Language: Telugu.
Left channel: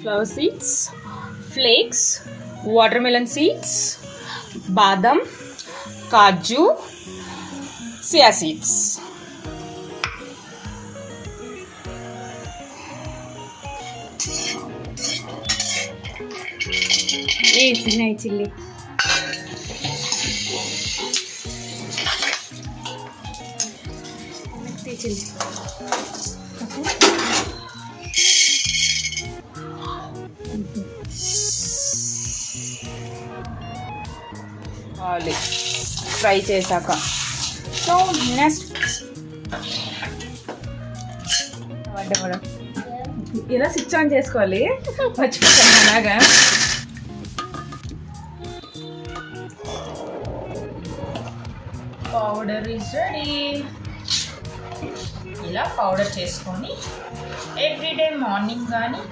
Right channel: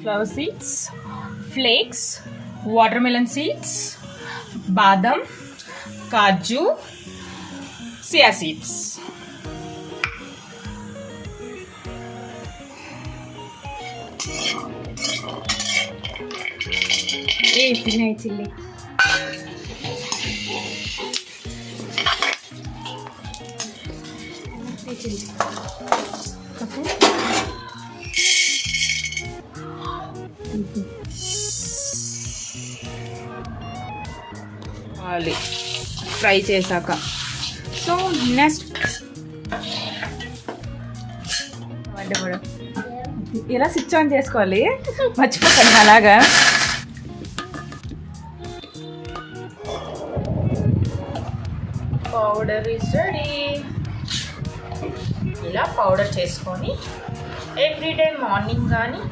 Flower seeds, flakes, watermelon seeds, బాదం, కాజు, సియా సీడ్స్. చిల్లి ఫ్రై చేశాక. సో నెక్స్ట్ ఇలా స్విచ్ ఆన్ చేసుకోవాలి, మర్చిపోతాను అలాగా. Powder is ready. ఇలా పౌడర్ చేసుకొని ఎవ్రీడే మార్నింగ్ కానీ